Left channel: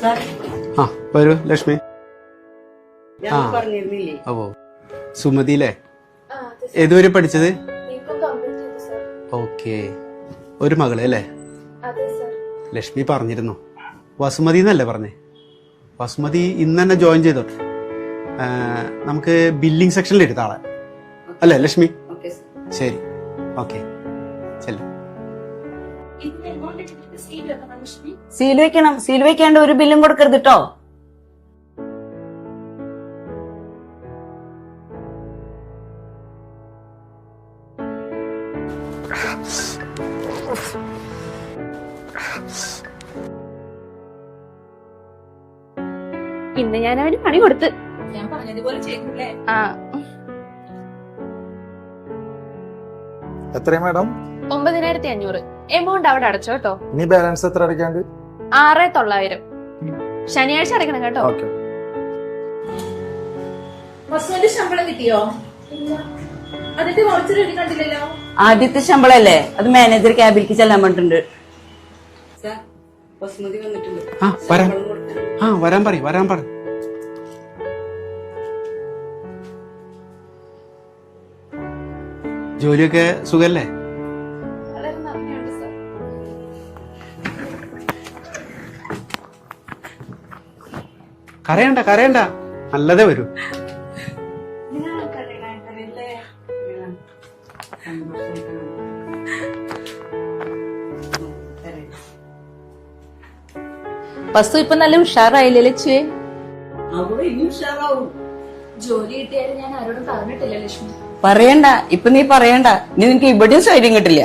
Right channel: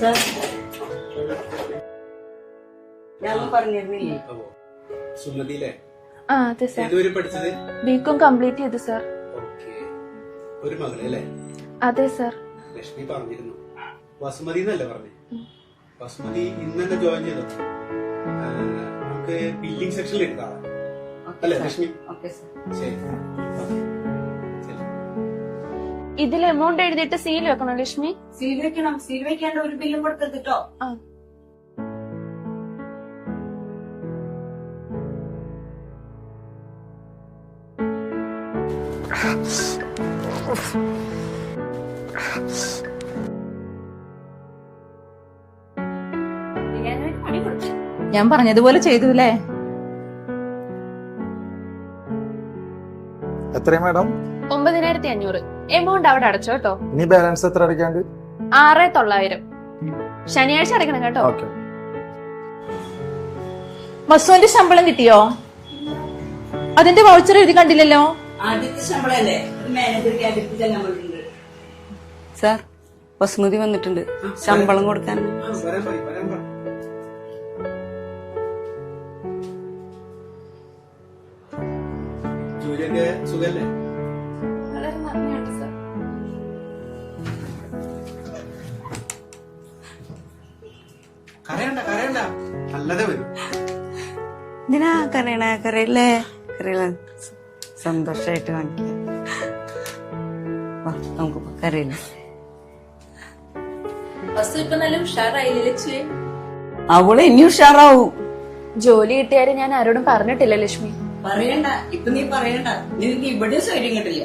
Sir? ആ വരൂ ലക്ഷ്മി. ഞാൻ പറഞ്ഞിരുന്നില്ലേ? ഓ സുമതിയിലെ ആ ഏതുവരെ പഠിച്ചത്? ബികോം കംപ്ലീറ്റ് ചെയ്തു സർ. ഓക്കെ. ഒരു മകൾ അല്ലേ? അതെ സർ. ലക്ഷ്മി പറഞ്ഞിരുന്നു. വസുമതി എന്നല്ലേ പറഞ്ഞേ? വസുമതി ഇന്ന് തന്നെ ജോയിൻ ചെയ്തു നമുക്ക് ബില്ലിംഗ് സെക്ഷനിൽ എടുത്ത ആളെ അല്ലേ ലക്ഷ്മി? Okay sir. ശരി. ഓക്കെ. ചെല്ലു. ഇതിൽ എമൗണ്ട് എഴുതിയിട്ട് സീൽ വെക്കണം ലക്ഷ്മി? സീൽ വെക്കണം. സീൽ വെക്കാണ്ട് ഒരു ബില്ലും കൊടുക്കരുത് കേട്ടോ ആ. ഇന്ന് ഞാൻ അവന് പണി കൊടുത്ത്. ഞാൻ പറഞ്ഞതുപോലെ ചെയ്തുല്ലേ ആ. എത്രയും മാഡം? ഒമ്പതിനായിരത്തി അഞ്ഞൂറ് എമൗണ്ട് അവിടെ അടച്ചോ കേട്ടോ. ഇനി ബാലൻസ് എത്ര അടയ്ക്കാണ്ട്? ആറ് തൊള്ളായിരം. ശനിയാഴ്ച അടയ്ക്കണം കേട്ടോ. ഓക്കെ. മസുവിന്റെ ശമ്പളം കിട്ടിയോ? അതിന്റെ വൗച്ചർ എഴുതി കണ്ടില്ലല്ലോ? ആദ്യത്തെ ശമ്പളല്ലേ? അത് മാനേജർ ക്യാബിലേക്ക് ചെല്ലാൻ പറഞ്ഞിട്ടുണ്ട്. സാർ ബസുമതി വന്നിട്ടുണ്ട്. ആ, ശമ്പളം കൊടുക്കാൻ. ആ വരാൻ പറ വരാൻ പറ ജോലിയൊക്കെ സുഖല്ലേ? കരയണ്ട കരയണ്ട. നല്ലതേ വരൂ. എന്തിനാ കരയണ? കരയില്ലേ? കരയില്ല സന്തോഷായിട്ട് നമുക്ക് കരയില്ല വസ്തു ഇപ്പൊ നല്ല ഉഷാറായില്ലേ ലക്ഷ്മി? അവൾ ഇനി ഉഷാറാവും. ജോലി കിട്ടിയാലും ഞാൻ ആരോടും പറഞ്ഞിട്ടില്ല ലക്ഷ്മി. പറയണ്ട. ഇപ്പൊ നീ പറയണ്ട. നിനക്ക് ഇവിടെയും സ്വൈര്യം കിട്ടില്ല.